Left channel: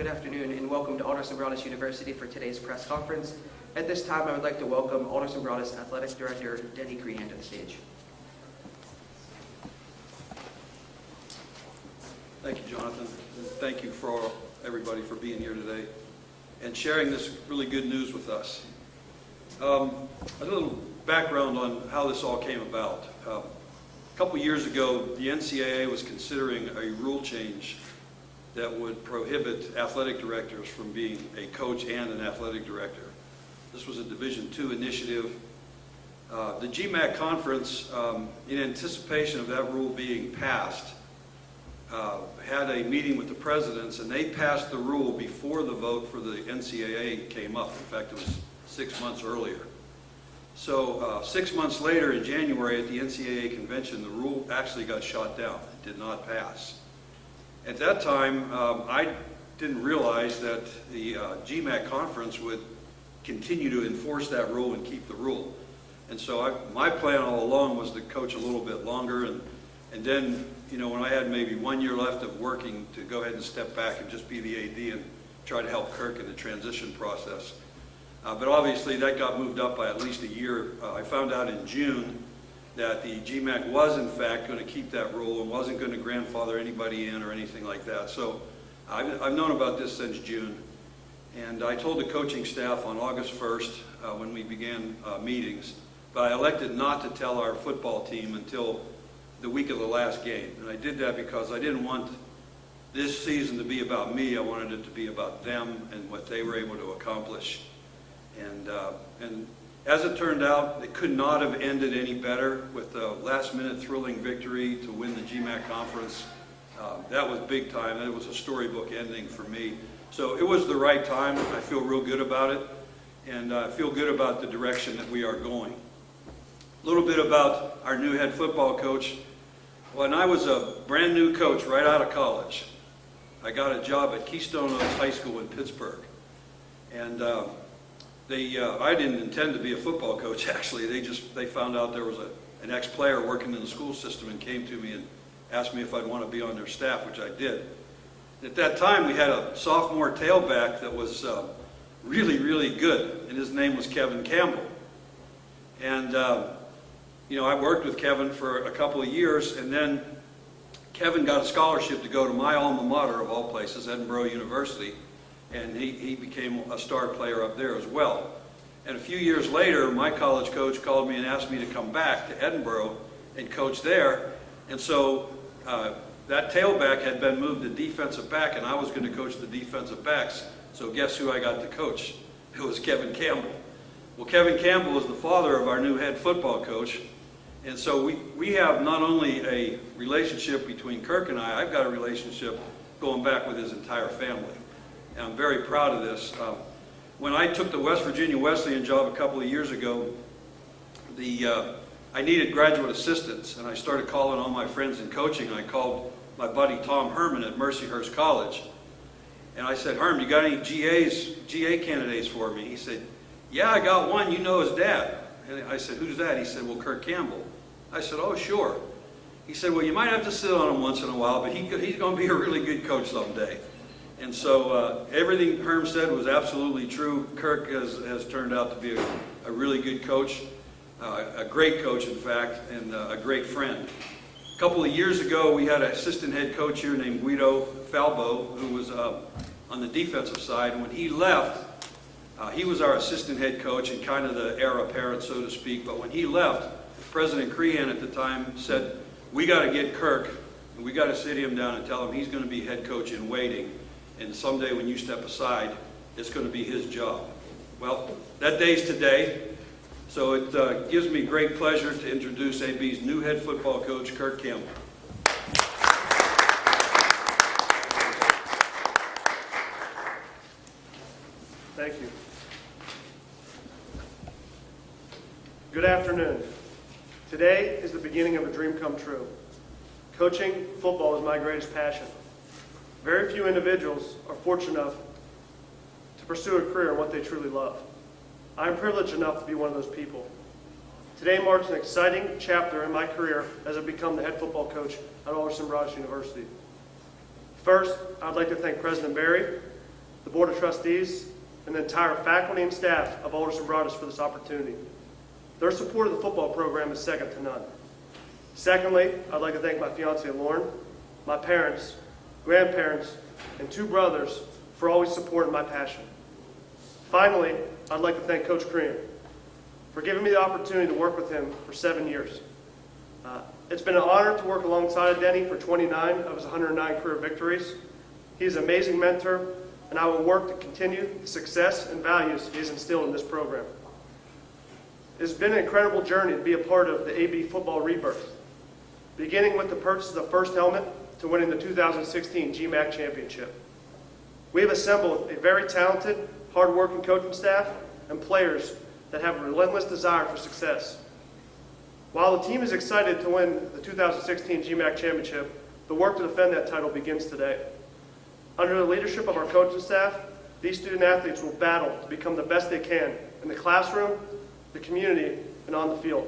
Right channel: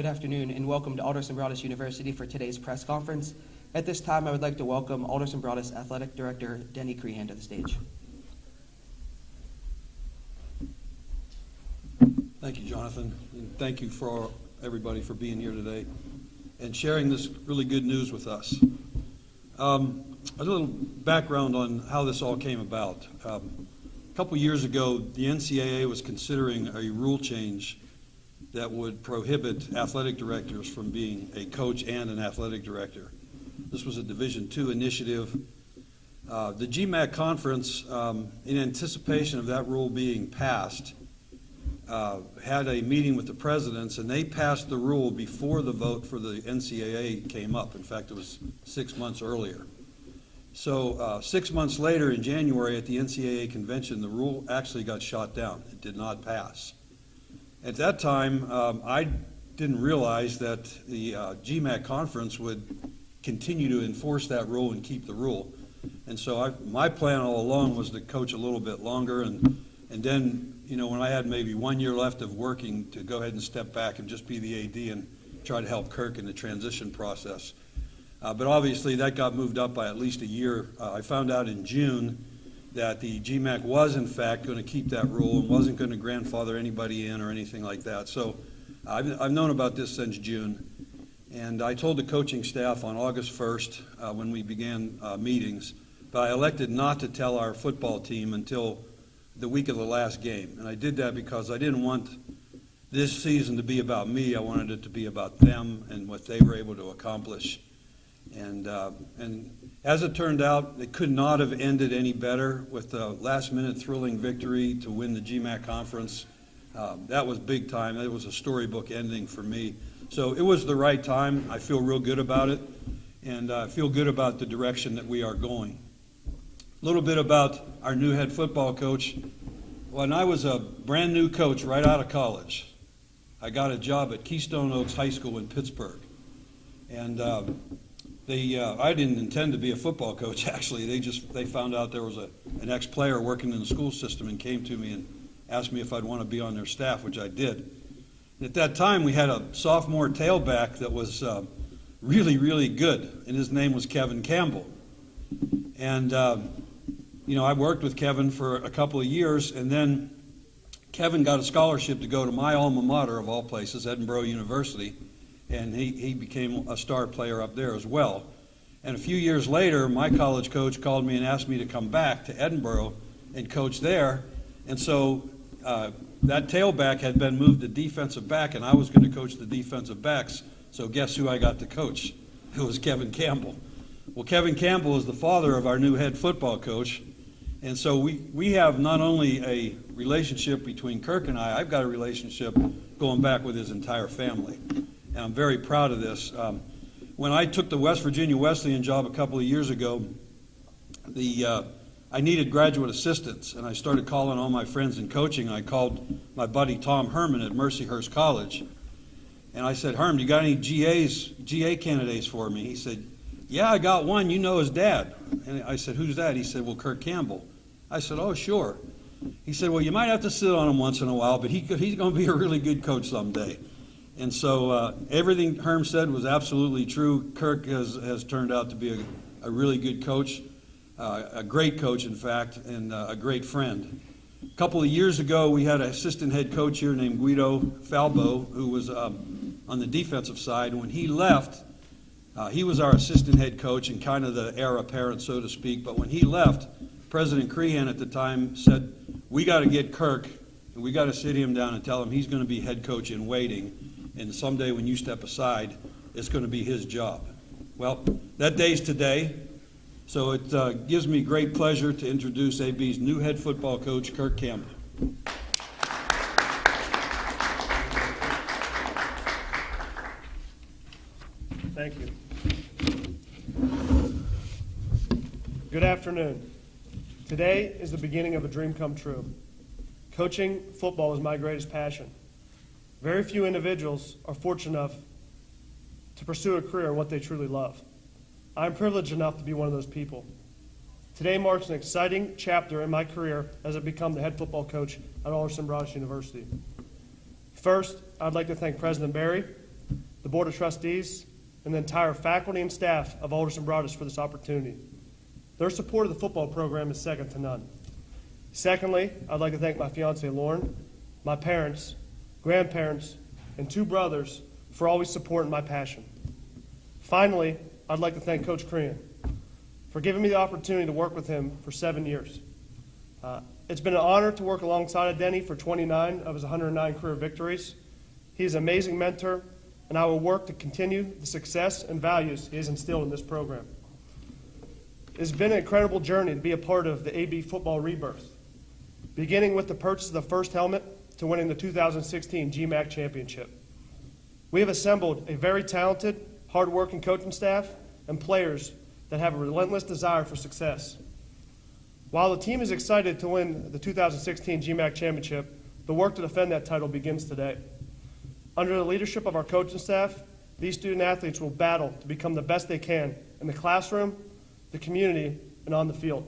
Good afternoon and welcome to Alderson Broaddus University for today's press conference. At this time, I would like to welcome Alderson Broaddus Athletics Director Denny Crean to the stage. Thank you, Jonathan. And thank you for everybody for being here today and sharing this really good news with us. A little background on how this all came about. A couple years ago, the NCAA was considering a rule change that would prohibit athletic directors from being a coach and an athletic director. This was a Division II initiative. The GMAC conference, in anticipation of that rule being passed, had a meeting with the presidents, and they passed the rule before the vote for the NCAA came up. In fact, it was 6 months earlier. So 6 months later, in January, at the NCAA convention, the rule actually got shot down. It did not pass. At that time, I didn't realize that the GMAC conference would continue to enforce that rule and keep the rule. And so my plan all along was to coach a little bit longer, and then, you know, when I had maybe 1 year left of working, to go ahead and step back and just be the AD and try to help Kirk in the transition process. But obviously that got moved up by at least a year. I found out in June that the GMAC was in fact going to keep that rule and wasn't going to grandfather anybody in or anything like that. So I've known about this since June, and I told the coaching staff on August 1st when we began meetings, but I elected not to tell our football team until the week of the last game. And I did that because I didn't want this season to be about me. I wanted it to be about them and what they were able to accomplish. And as it turned out, it could not have ended any better with the last-minute thrilling victory to win the GMAC conference. That was big time. It was a storybook ending for me. So it was the right time. I feel real good about it, and I feel good about the direction that we are going. A little bit about our new head football coach. When I was a brand new coach right out of college, I got a job at Keystone Oaks High School in Pittsburgh. And I didn't intend to be a football coach, actually. They found out there was an ex-player working in the school system and came to me and asked me if I'd want to be on their staff, which I did. At that time, we had a sophomore tailback that was really, really good, and his name was Kevin Campbell. And, you know, I worked with Kevin for a couple of years, and then Kevin got a scholarship to go to my alma mater, of all places, Edinburgh University, and he became a star player up there as well. And a few years later, my college coach called me and asked me to come back to Edinburgh and coach there. And so that tailback had been moved to defensive back, and I was going to coach the defensive backs. So guess who I got to coach? It was Kevin Campbell. Well, Kevin Campbell is the father of our new head football coach. And so we have not only a relationship between Kirk and I've got a relationship going back with his entire family. And I'm very proud of this. When I took the West Virginia Wesleyan job a couple of years ago, I needed graduate assistants, and I started calling all my friends in coaching. I called my buddy Tom Herman at Mercyhurst College, and I said, "Herm, you got any GA candidates for me?" He said, "Yeah, I got one. You know his dad." And I said, "Who's that?" He said, "Well, Kirk Campbell." I said, "Oh, sure." He said, "Well, you might have to sit on him once in a while, but he's going to be a really good coach someday." And so everything Herm said was absolutely true. Kirk has turned out to be a really good coach, a great coach, in fact, and a great friend. A couple of years ago, we had an assistant head coach here named Guido Falbo, who was on the defensive side. And when he left, he was our assistant head coach and kind of the heir apparent, so to speak. But when he left, President Crean at the time said, "We got to get Kirk, and we got to sit him down and tell him he's going to be head coach in waiting. And someday when you step aside, it's going to be his job." Well, that day's today. So it gives me great pleasure to introduce AB's new head football coach, Kirk Campbell. Thank you. Good afternoon. Today is the beginning of a dream come true. Coaching football is my greatest passion. Very few individuals are fortunate enough to pursue a career in what they truly love. I'm privileged enough to be one of those people. Today marks an exciting chapter in my career as I've become the head football coach at Alderson Broaddus University. First, I'd like to thank President Barry the Board of Trustees, and the entire faculty and staff of Alderson Broaddus for this opportunity. Their support of the football program is second to none. Secondly, I'd like to thank my fiancée Lauren, my parents, grandparents, and 2 brothers for always supporting my passion. Finally, I'd like to thank Coach Crean for giving me the opportunity to work with him for 7 years. It's been an honor to work alongside Denny for 29 of his 109 career victories. He is an amazing mentor, and I will work to continue the success and values he has instilled in this program. It has been an incredible journey to be a part of the AB football rebirth, beginning with the purchase of the first helmet to winning the 2016 GMAC championship. We have assembled a very talented, hard-working coaching staff and players that have a relentless desire for success. While the team is excited to win the 2016 GMAC championship, the work to defend that title begins today. Under the leadership of our coaching staff, these student athletes will battle to become the best they can in the classroom, the community, and on the field.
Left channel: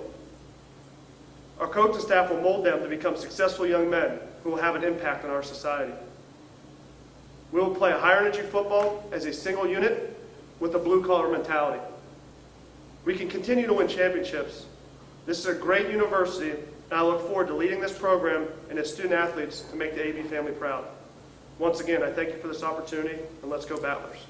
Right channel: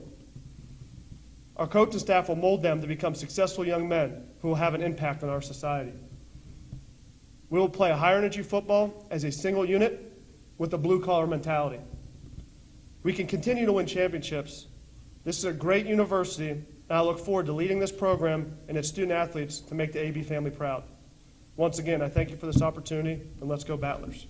Our coaching staff will mold them to become successful young men who will have an impact on our society. We will play a higher-energy football as a single unit with a blue-collar mentality. We can continue to win championships. This is a great university, and I look forward to leading this program and its student athletes to make the AB family proud. Once again, I thank you for this opportunity, and let's go Battlers.